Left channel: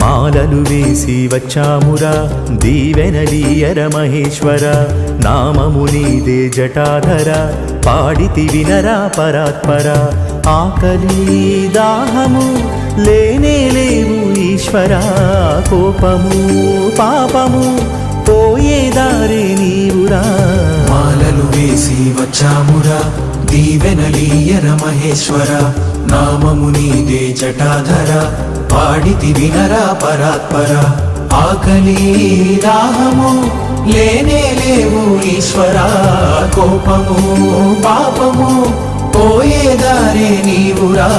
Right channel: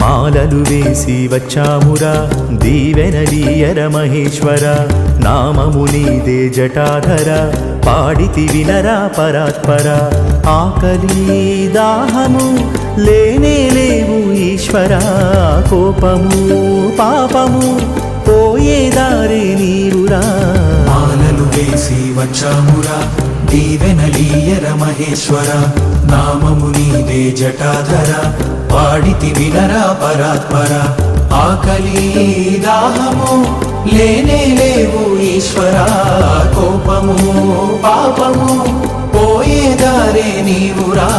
మాలలు వేసి వచ్చామురా దీవెనలీయర మహేశ్వర నామము నీదే జటాధర పాడితి వినరా పరాత్పర ఆకలి దాహము లేనే లేవు ఈశ్వర కోపము పాపము పోయే దారే నీవురా మాలలు వేసి వచ్చామురా దీవెనలీయర మహేశ్వర నామము నీదే జటాధర పాడితి వినరా పరాత్పర ఆకలి దాహము లేనే లేవు ఈశ్వర కోపము పాపము పోయే దారే నీవురా